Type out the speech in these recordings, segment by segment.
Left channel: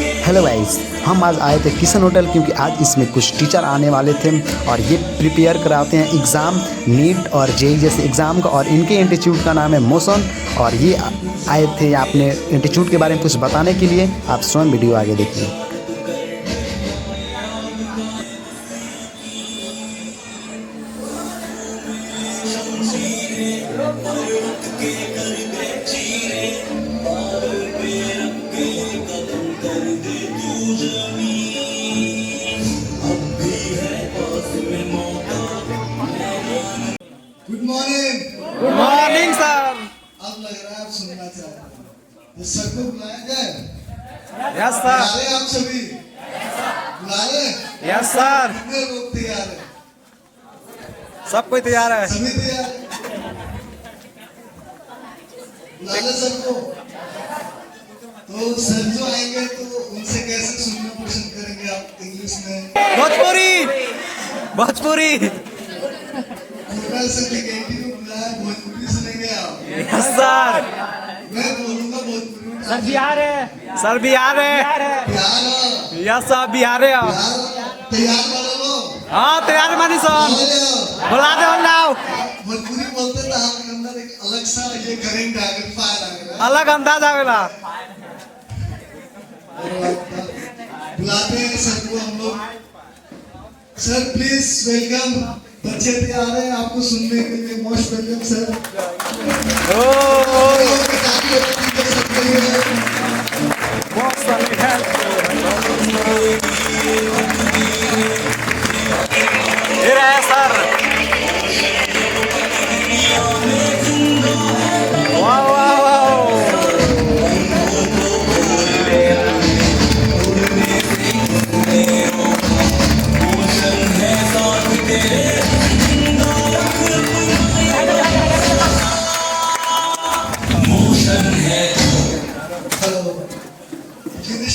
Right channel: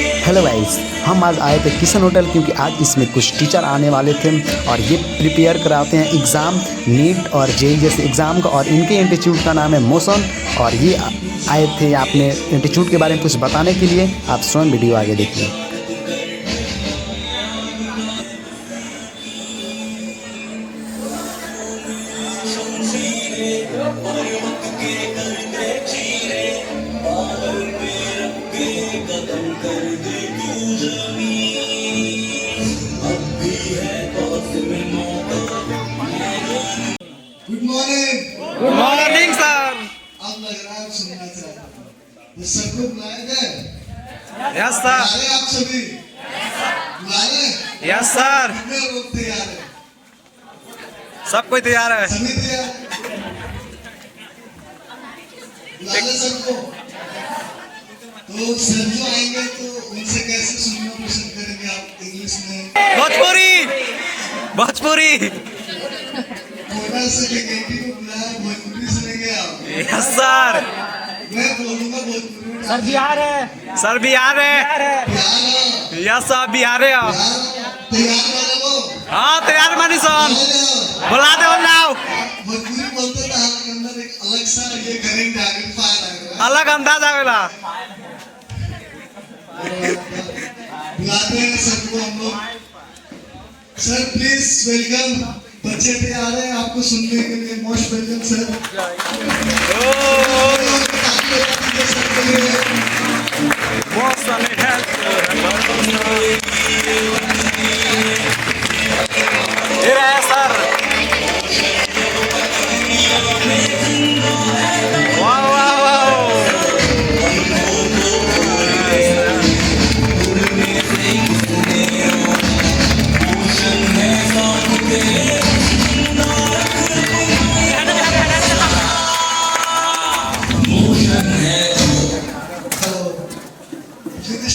Hello guys, हम आज आए थे किशन होटल क्योंकि आज इसमें कुछ टीचर आने वाले थे और ये प्रिपेयर कराते हैं एग्ज़ाम नीट और जेई जैसे एग्ज़ाम का। और इनके इंस्टीट्यूट का नाम है मोशन और ये आए थे अपने इंस्टीट्यूट के बारे में कुछ बताने के लिए। आप स्वयं वीडियो आगे देखिए। Good morning. Good morning sir. अब लग रहा है आप सुनना चाहते हैं। तो सबको बुलाया गए? Yes sir. बुलाए आप सभी? बुलाए? Yes sir. कितने लोग तैयार हैं? सब कोई तैयार है। सभी तैयार हैं? बुलाए सबको? तो सर जो आएंगे तो उनसे कैसे सुनना पसंद करेंगे आप? इंग्लिश में? भोजपुरी। भोजपुरी। कोटा से टिकेटी को बुलाया, भोजपुरी सुनेंगे आप? Yes sir. मैं बोलूंगा भोजपुरी में। सर बिहार है। सर बिहार है। तैयार हो? यस सर बिहार है। तैयार वाले लोग? हाँ तैयार मानी सन। बुला दे लाओ। भोजपुरी बोलते तो आपके अंदर एक अलग सा ये करेंट एम्पलीफायर आएगा। अलग अंदाज आवेला। बुलाते हैं सर को हम लोग। Sir please welcome. बच्चे तैयार हैं आपको सुनने के लिए। Most welcome sir.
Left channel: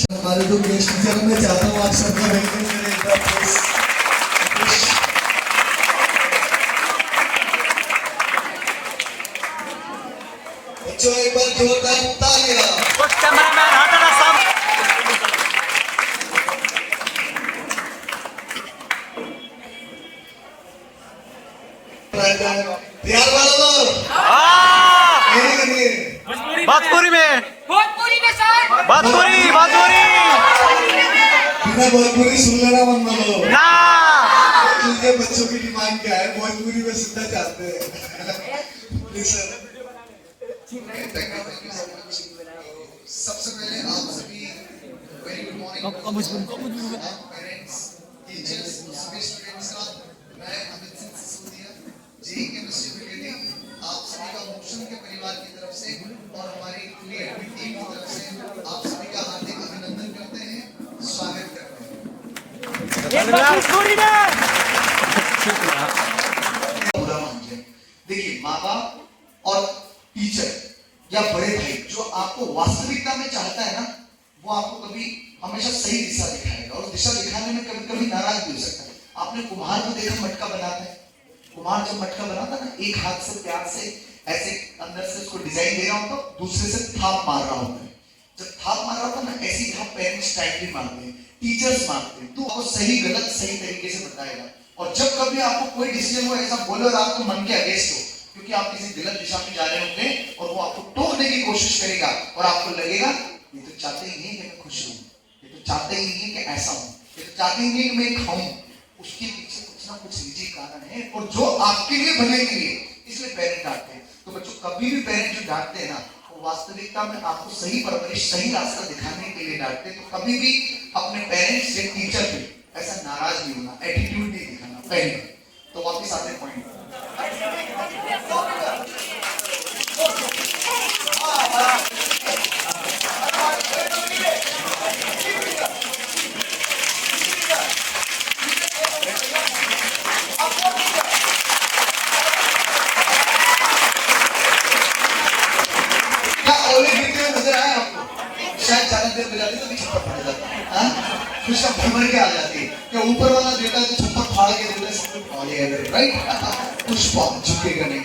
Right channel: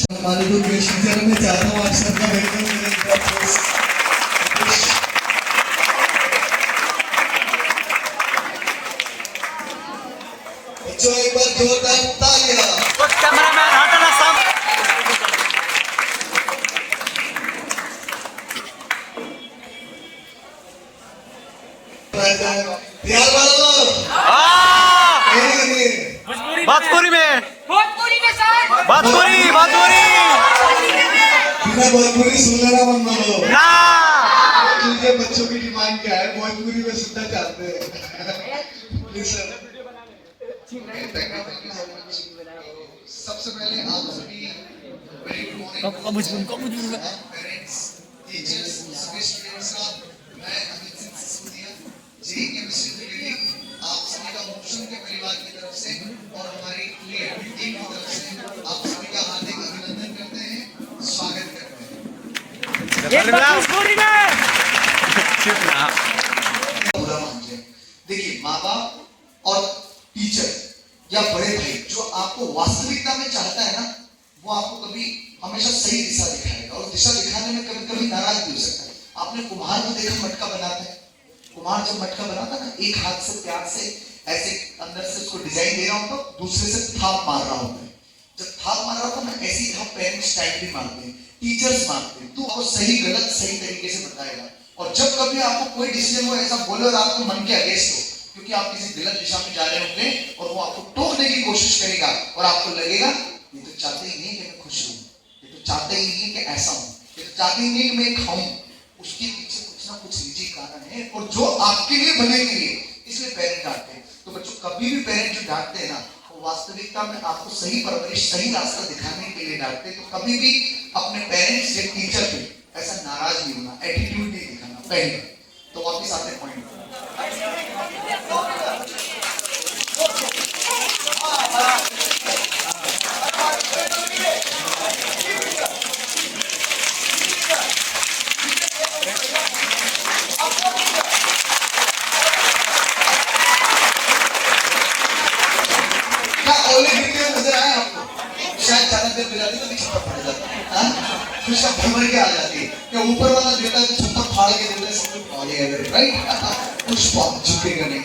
हमारे जो गेस्ट टीचर मैं चाहता हूँ आप सबका वेलकम करें एक बार प्लीज। बच्चों एक बार जोरदार तालियां। तैयार वाले लोग? भोजपुरी में। भोजपुरी में सर। भोजपुरी भोजपुरी। भोजपुरी सुन लेना मन मानो। बच्चों की डिमांड क्या है? भोजपुरी में सुनना चाहते हैं। Please sir. सबसे पहले आप सभी very good morning parents, teachers, सभी स्टूडेंट्स का मैं Amit Singh Sisodia JEE chemistry grading आप सभी का मोशन के परिवार की तरफ से और हमारी पूरी टीम की तरफ से आप सभी का हार्दिक अभिनंदन करते हैं, स्वागत करते हैं। भोजपुरी में। देखिए माँ बाप और टीचर या बड़े भाई जो आपको वास्तविकता में चाहता है ना, वो आपको कभी हमेशा सही दिशा दिखाएगा और दिशा दिखाने में कभी कभी नाराज भी हो सकता है। आपने कुम्हार को देखा मटका बनाते हैं। कुम्हार जब मटका बनाता ना, एक हाथ से प्यार से ऐसे अंदर से उसको डिजाइन दे रहा होता है, दूसरे से थाप मार रहा होता है। जब थाप मार रहा होता है ना, ऐसी थाप पेरेंट्स टाइम भी मारते हैं, टीचर्स मारते हैं, तो आपको सही गलत सही तरीके से बताएगा। और जब कभी आपको कोई डिसीजन वो ऐसा बोले और आपको मन के अगेंस्ट हो, क्योंकि आप किसी गलत दिशा में जा रहे होंगे और वो आपको टोकने की कोशिश करेगा और आपको लगेगा ये तो चाहते ही नहीं कि मैं खुश हूँ, ये तो चाहते ही नहीं कि ऐसा हूँ, ये तो चाहते ही नहीं कि मैं खाऊं। उसके पीछे कुछ ना कुछ निजी कारण है और जो आपके लिए बने के लिए इसलिए पेरेंट डांटते हैं। तो बच्चों कभी भी पेरेंट जो डांटते हैं ना, वो वास्तविकता में आपको सही परवरिश सही रास्ता दिखाने के लिए डांटते हैं। तो कभी भी अपने पेरेंट्स से टीचर पे ऐसा नाराज नहीं होना, एटीट्यूड नहीं दिखाना। पहले तो वापस आते हैं पॉइंट। भ्रमण के आ जाती है कि ऊपर वाला देता है तो छप्पर फाड़ के देता है, सब पहुंच गया राइट। पुष्पा झुकेगा नहीं।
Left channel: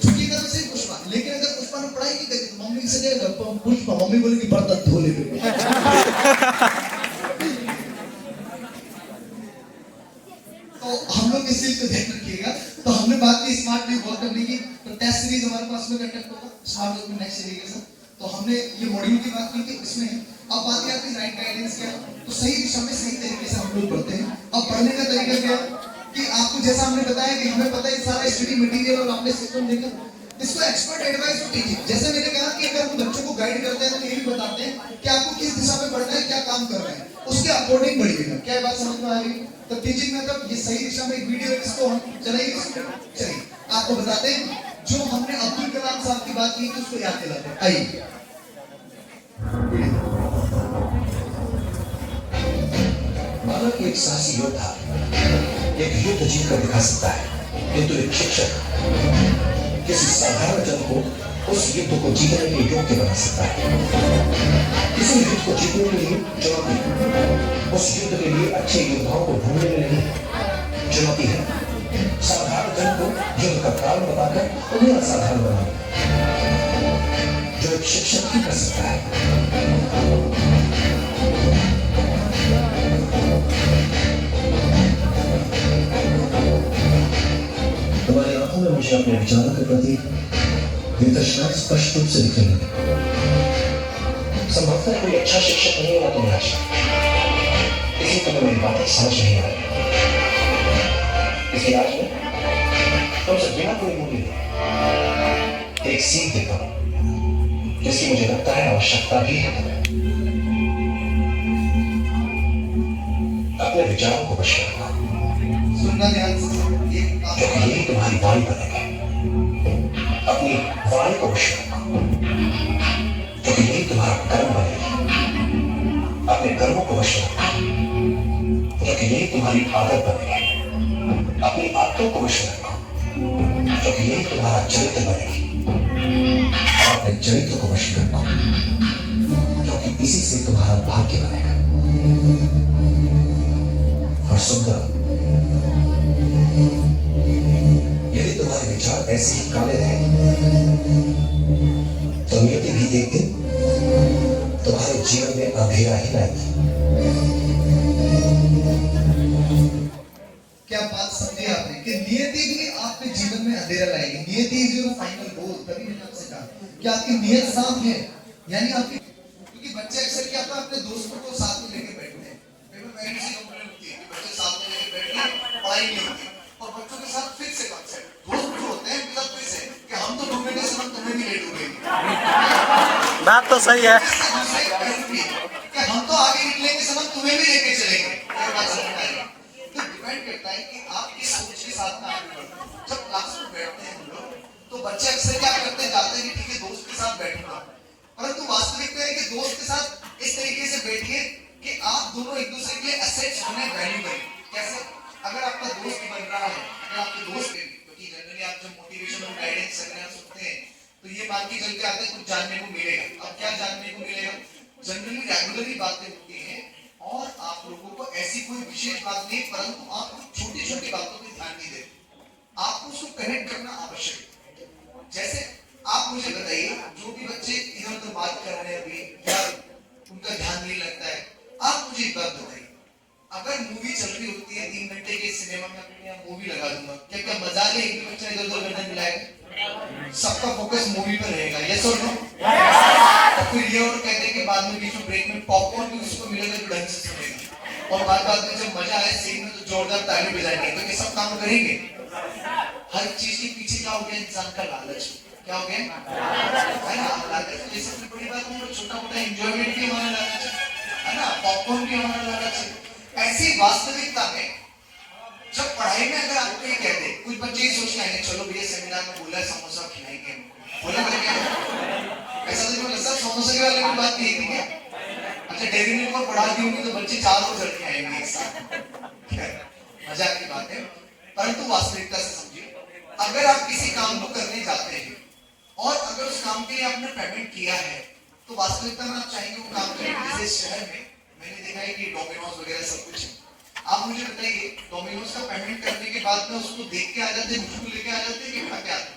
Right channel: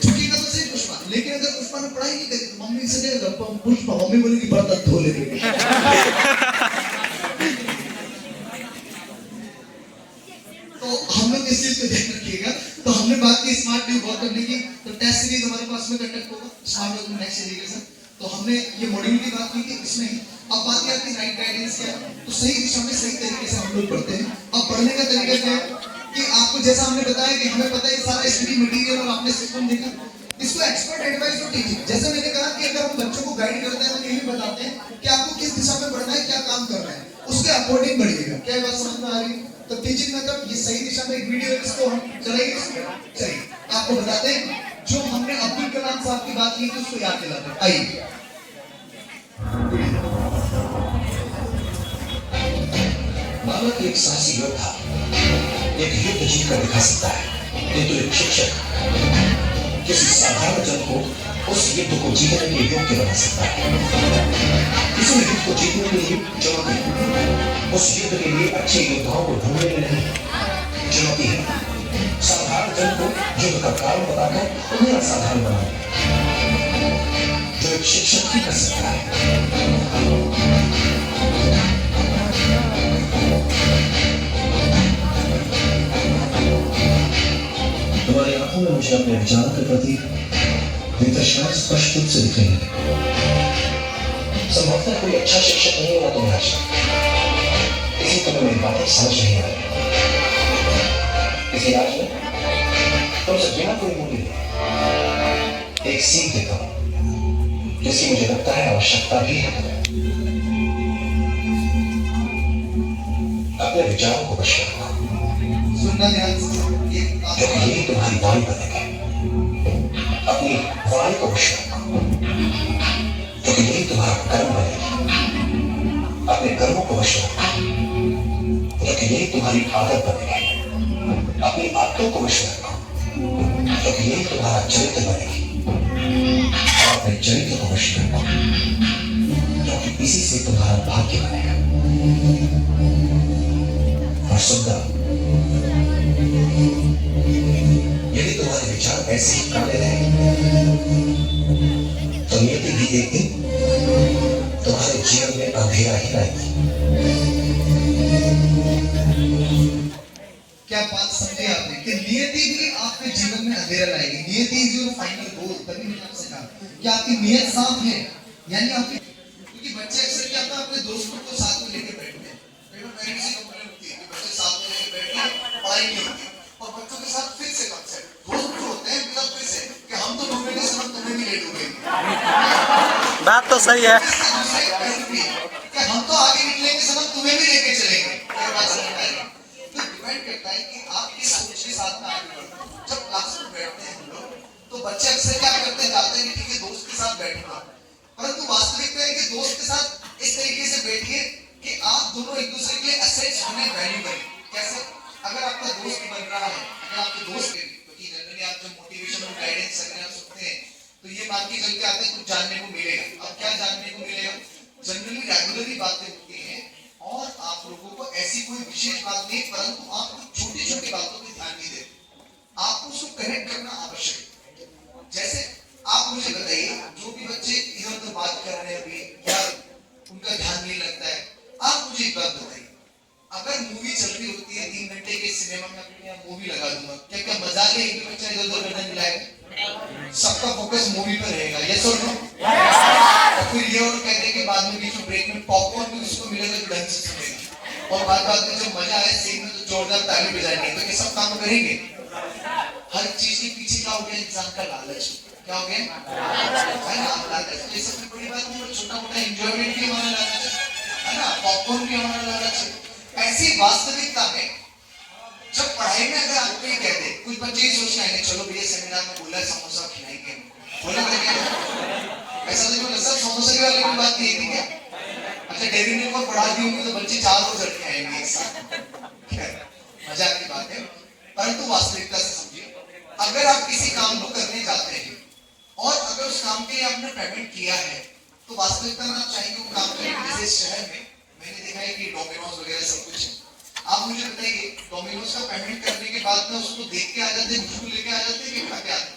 झुकी मम्मी से नहीं पूछ मम्मी बोलेगी बर्तन धो लेंगे। तो हम लोग इस चीज को ध्यान रखिएगा। तो हमने बात की स्मार्ट ड्यू वर्क करने की, तो टेस्ट सीरीज हमारे पास में कंडक्ट होगा स्मार्ट ड्यू नेक्स्ट सीरीज के साथ। तो हमने ये मॉड्यूल की बात की थी, इसमें अब बात की आपकी राइट गाइडेंस क्या है, तो सही दिशा में सही तरीके से हम लोग पढ़ते हैं। अब पढ़ने का तरीका क्या है कि आपको जैसा हमने बताया कि हमें पता है सारा स्टडी मटेरियल और आपने सिस्टम देखा, इसको एक्सपर्ट एडवाइस और टीचिंग, जैसे मैंने कहा कि अगर हम बच्चों को गाइड करते हैं तो ये भी बताते हैं कि आपको किस दिशा में बढ़ना है, क्या काम करना है, उसके अकॉर्डिंग बढ़िएगा। क्या बात समझ में आ रही है? तो टीचिंग मेथड ये सही दिशा में एक वीडियो है, इसको हम चलिए आपको बताते हैं। जो हमने अब्दुल कलाम साहब की बात की थी उसको याद दिलाते हैं। आइए, मानव एक साहसी योद्धा एक युद्ध जीत कर दिखा सकता है, किंतु एक शिक्षक किसी साधारण जन को उस युद्ध को जीतने के योग्य बना सकता है। किसी युद्ध को जीतने के लिए चुनौती उस युद्ध के लिए अच्छे योद्धाओं को ढूंढने में नहीं, चुनौती है साधारण जन को युद्ध का कारण बताकर उन्हें असाधारण बनाना, जो एक शिक्षक ही कर सकता है। तुम्हारी आंखों में मुझे अपने विचारों के प्रति वितृष्णा स्पष्ट रूप से दिख रही है। संभवतः कोई अच्छा शिक्षक नहीं होना तुम्हें चाहिए, लेकिन तुम्हें मेरी बातें समझ नहीं आ रही। इसी राज में तुमसे बिना कोई मूल्य एक सीख देता हूं, जिसकी मुझे लगता है आवश्यकता भी है। अपने विचारों को वश रखो, सुनना ध्यान से, क्योंकि यही तुम्हारी वाणी बनेगी। अपनी वाणी को वश रखो, क्योंकि यही तुम्हारा कर्म बनेगी। अपने कर्मों को वश रखो, क्योंकि यही तुम्हारी आदत बनेगी। अपनी आदतों को वश रखो, क्योंकि यही तुम्हारा चरित्र बनेगी। और अपने चरित्र को वश रखो, क्योंकि इसी से तुम्हारा भाग्य बनेगा। और सुंदर, यदि तुम्हारे विचार ऐसे ही काले रहे तो नियति भी एक दिन तुम्हारे जीवन में अंधेरा ही लाएगी। क्या बात समझे आपने कि नियति भी आपके जीवन में अंधेरा लाएगी। नियति इज योर फाइनल गोल। तभी मैंने आपसे कहा कि आपकी नियत साफ है, यानी आपकी, क्योंकि बच्चे अक्सर क्या होता है अपने दोस्तों को साथ में लेके बैठते हैं, पेरेंट्स की कंप्लेंट होती है कि बच्चे साथ में लेके बैठ के पढ़ाई नहीं होती, और बच्चों के साथ फिर से कॉन्सेप्ट दोस्त जो होते हैं मतलब फिर से कि हम तो ढूंढेंगे सब, तुम्हें भी लेट हो गई। बात तो सही है। कि हम तो आगे निकलेंगे सब, तुम्हें भी लेके चलेंगे। ये बात समझ में आएगी। तो डिपेंड करता है कि आप किस सोच के साथ में आगे बढ़ते हैं। जब क्लास में बैठते हैं हम लोग, तो बच्चे अक्सर क्या करते हैं, जाते हैं ठीक है दोस्त के साथ बैठूंगा, परंतु वास्तविकता है कि दोस्त के साथ इस तरीके से बैठिए कि आप दोनों एक दूसरे के लिए असेट्स बने, वैल्यूएबल। कैसे? अगर आपका दोस्त बन रहा है, अगर आपके दोस्त है, क्योंकि जनरली आप जब मोटिवेशन और गाइडेंस सेमिनार सुनते हैं तो ये बात की चलते आते हैं कुछ जानने को मिलेगा। अब क्या जानने को मिलेगा? जनरली रेगुलरली बातें होती हैं और आप लोगों को ऐसी कोई विशेष बात नहीं, परंतु आप कुछ छोटी छोटी बातों की ध्यान नहीं देते, आपको उसको कनेक्ट करना आवश्यक है। जैसे आप मुझे बताइए, छोटे बच्चे इधर उधर बात कर रहे हैं या उनका ध्यान नहीं लगता है, आप मुझे एक बात बताइए, अगर मूवी चल रही होती है 3 घंटे के सिनेमा में, अपनी यहाँ मूवी लगा दूंगा, क्या क्या मजा ले, एक बच्चा इधर उधर करने मिलाएगा, सबका फोकस मूवी पर रहेगा। ये सुन लो, तो फिर ये और कहते हैं कि बाद में बीच में ब्रेक में पॉपकॉर्न भी उसको मिलेगा जो ढंग से सुनेगा, और बाद में जो मजा है सीन में तो जोरदार ताली बजाएंगे, तो ये सब काम करेंगे। हर चीज के पीछे क्या हो गया, इंसान का लालच। क्या हो गया भाई? लालच तो ये सबसे बड़ी बात नहीं, छोटा मोटा एंजॉयमेंट भी हमारा लालच है ना, पॉपकॉर्न भी हमारा लालच है। ऐसी वास्तविकता में जब पढ़ाई में अगर आपको ये कहते, कुछ बच्चे ही सोच रहे हैं चलो भैया सेमिनार में बोला समोसा खिलाएंगे, बोला ऐसा तो सर समोसा के वाले की बात नहीं थी क्या? अच्छा डेयरी मिल्क में पढ़ा दी होंगी तो बच्चे 4 रोज लड़के आएंगे एक साथ, मजाक की बात है, परंतु वास्तविकता से समझिए, अगर आप किसी काम को करने जाते हैं और अगर उस काम के लिए आपने पेमेंट किया है तो वास्तविकता में आप चाहेंगे वो काम करें। जैसे शहर में मैंने देखा है कि डोमिनोज वगैरह सब कुछ, आप मुझे बताइए डोमिनोज का पेमेंट करने के बाद में उसको देख के आ जाते हैं, उसको लेके आ जाते हैं कि खा के आते हैं?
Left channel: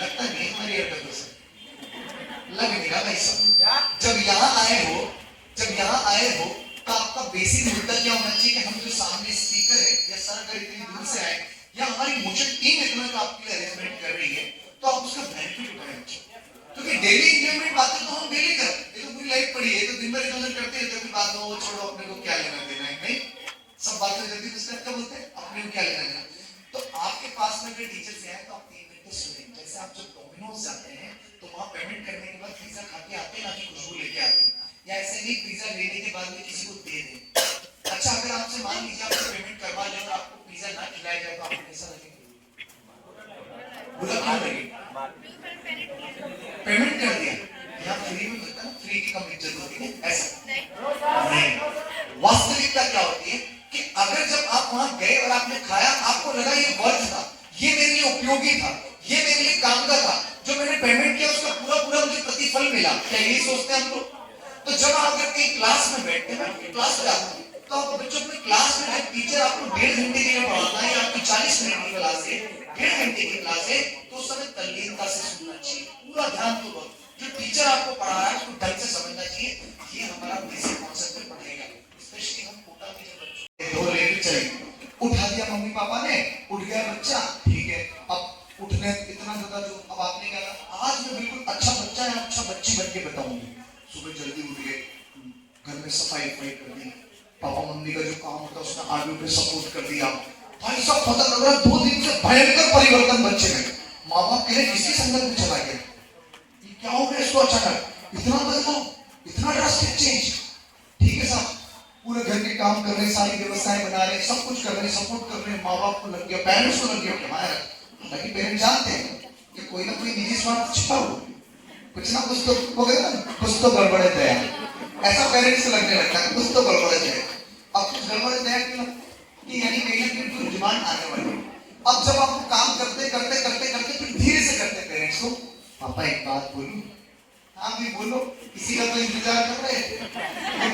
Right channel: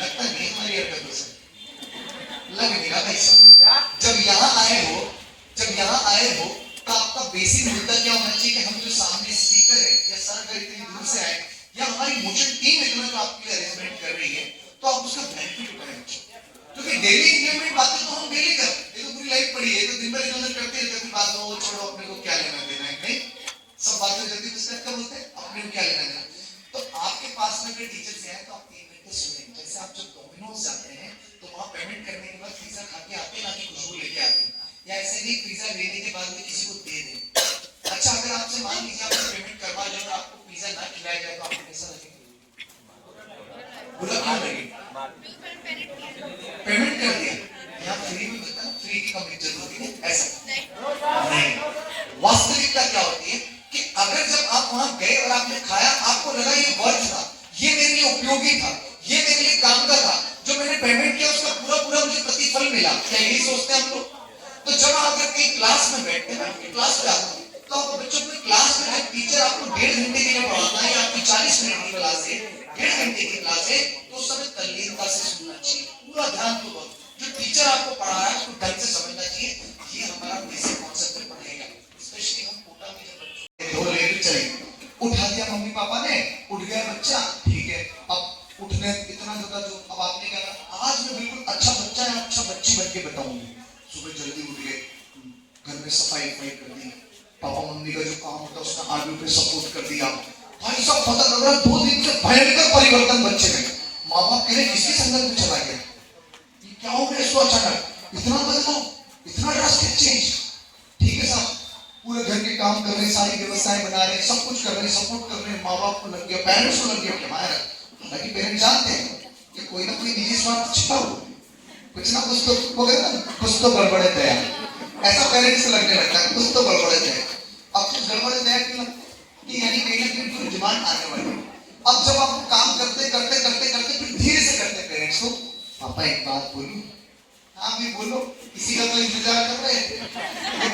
लगता नहीं हमारी भाई साहब, जब यहाँ आए हो तो आपका बेसिक मुद्दा क्या होना चाहिए कि हम जो सामने स्पीकर है या सर अगर इतनी दूर से आए या हमारी मोशन टीम इतना जो आपके लिए अरेंजमेंट कर रही है, तो आप उसका बेनिफिट उठाएं। क्योंकि डेली इंप्लीमेंट बातें तो हम डेली करते हैं, ये तो पूरी लाइफ पड़ी है, तो दिन भर इधर करते रहते हैं, बात हो छोड़ो, अपने को क्या लेना देना है, नहीं सब बातें जल्दी डिस्कस कर बोलते हैं, अपने को क्या लेना देना। तो आपके पास में भी टीचर से आए तो आप 1 मिनट सुने। जैसे आप जब डोमिनोज जाते हैं तो वहां पेमेंट करने के बाद पिज्जा खा के आते हैं, ना कि खुशबू लेके आते हैं, या ऐसे नहीं पिज्जा लेने के बाद में किसी को दे दें। अच्छा, अगर आपसे मान लीजिए आपने पेमेंट करवा लिया तो आपको पिज्जा ना खिलाया जाए तो आपको कैसा लगेगा? बुरा लगेगा। पेमेंट कर दिया या फ्री में मिलता है, फ्री की कमी जरूरत है ऐसा नहीं। वास्तविकता क्या होती है कि अगर जब आप वहां गए और आपने खाया, आपको लगा ये वर्थ था, ये मेरे लिए उपयोगी था, ये मेरे लिए काम का था, जो मैंने पेमेंट किया उसका पूरा पूरा मुझे प्रतिफल मिला, क्या यही सोचते हैं हम लोग? तो जब आप अगर कहीं क्लास में बैठते हैं, क्लास में आते हैं, तो आप बच्चों की क्लास में टीचर आपको 1.5 घंटे के लिए पढ़ाता है, आपकी 40 मिनट की क्लास है, 1.5 घंटे की क्लास है, तो उस समय तल्लीनता से सुनना चाहिए, पूरा ध्यान पूर्वक। जो टीचर आपको पढ़ा रहा है उसको ढंग से समझना चाहिए, ये हमारा बेसिक कॉन्सेप्ट में पढ़ेगा। स्पेशली हम कोटा में जब बच्चों को लेकर चले, उठा दिया मम्मी पापा ने, उठ गया बच्चा, ठीक है, अब उठने इतना ज्यादा जो अब आपने क्या कहा, आज मैं बिल्कुल अच्छा बच्चा है, अच्छा बच्ची बन के बताऊंगी। सुबह जल्दी उठ गए, घर में सफाई कर दी, पापा मम्मी का जो काम होता है उसका आगे पे सपोर्ट कर दिया। भाई साहब पता लग रहा है 2 दिन से भयंकर परिवर्तन बच्चे में। माँ बाप के लिए किसी संगत में चला गया, ये क्या हो गया इसको अचानक, इतना बदलाव, इतना ड्रास्टिक चेंज। ठीक है साहब, पूरे घर के काम कर रहे हैं, सारी व्यवस्थाएं बना रहे हैं, सब कुछ कर रहे हैं, सपोर्ट कर रहे हैं, माँ बाप को लग गया, पेरेंट्स को लग गया हमारा। हालांकि पेरेंट्स जानते हैं कि कोई ना कोई निजी स्वार्थ छिपा हुआ, कुछ ना कुछ तो गड़बड़ है, ऐसा पेरेंट्स को लगने लगता है कुछ तो गड़बड़ है। अब कुछ गड़बड़ है कि यानी कहीं ना कहीं डिमांड आने वाली है। अब जब आप काम करते करते करते करते फिर धीरे से करते पेरेंट्स को, पापा एक बात बोलो, हाँ भी बोलो, किसी का तो इंतजार कर रहे हैं,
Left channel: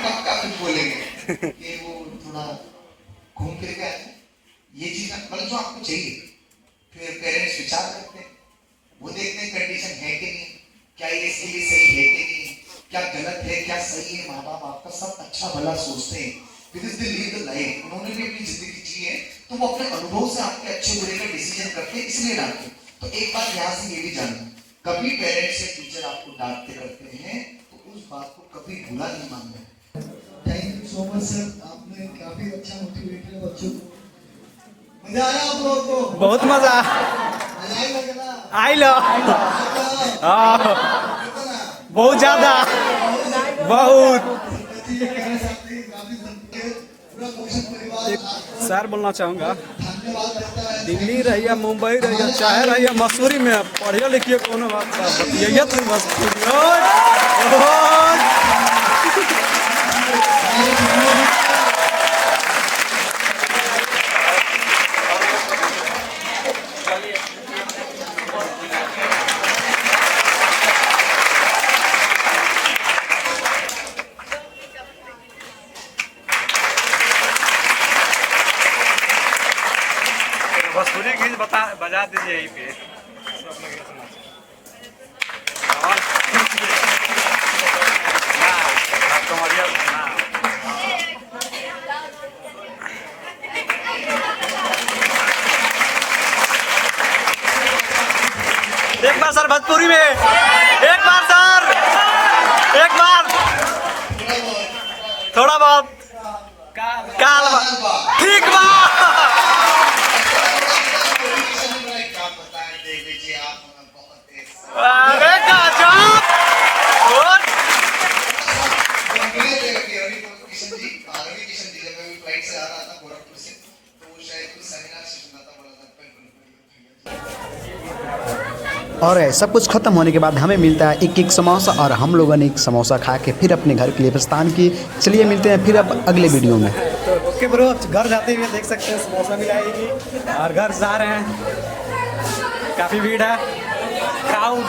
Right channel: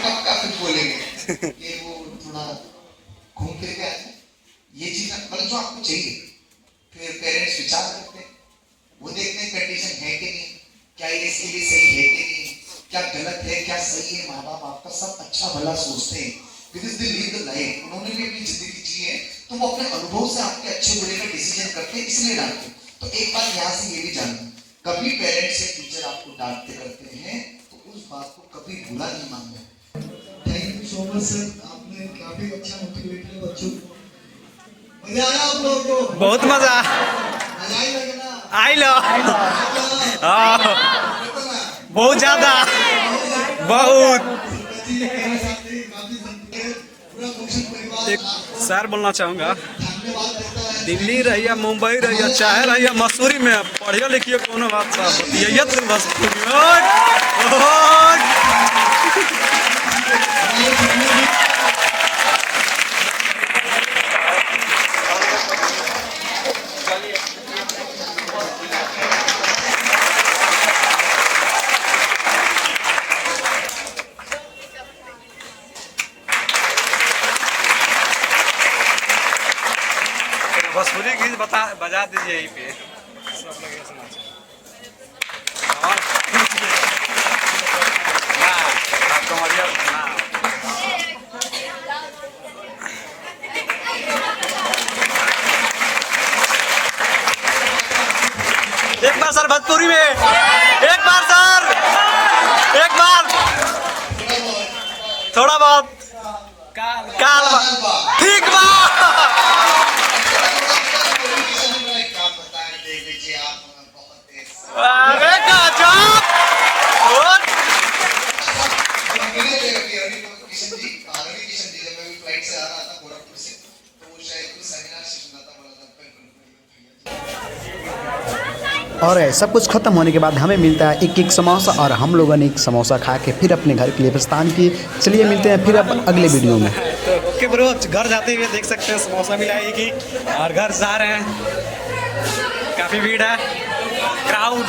कब का कुछ बोलेंगे कि वो थोड़ा घूम फिर के आते, ये चीज मतलब जो आपको चाहिए। फिर पेरेंट्स विचार करते हैं, वो देखते हैं कंडीशन है कि नहीं, क्या ये इसके लिए सही है कि नहीं, क्या गलत है क्या सही है, माँ बाप आपका सब अच्छा भला सोचते हैं। उन्होंने भी अपनी जिंदगी जी है, तुम अपने अनुभव से आपके अच्छे बुरे का डिसीजन करके इसलिए डालते। तो एक बात यहाँ से ये भी जानना, कभी पेरेंट्स से टीचर आपको डांटते करते हैं तो उस बात को कभी बुरा नहीं मानना। Thank you so much sir, आपने काफी अच्छा मोटिवेट किया बच्चों को। मजा आया आप लोगों को? बहुत मजा मजा ही लगा ना? आई लो बहुत ज्यादा बहुत। एक सर बोलना चाहूँगा, दिल्ली रहिए, मुंबई रहिए, चाहे रहिए मसूरी में, पढ़िए लिखिए कोनो बात साहब, बतिया तो बस। बजा दीजिए यहीं पे। एक बार सर भोजपुरी में, एक बार सर, एक बार थोड़ा बहुत ठीक बात। और सब कुछ खत्म होने के बाद हमें मिलता है एक समोसा, और हम लोगों ने एक समोसा खा के फिर अपने घर के लिए प्रस्थान किए। चलिए मिलते हैं फिर अब अगले वीडियो में। तो ओके ब्रो, घर जाते हुए देख सकते हैं समोसा मिलाएगी और घर जा रहे हैं, काफ़ी भीड़ है, क्राउड।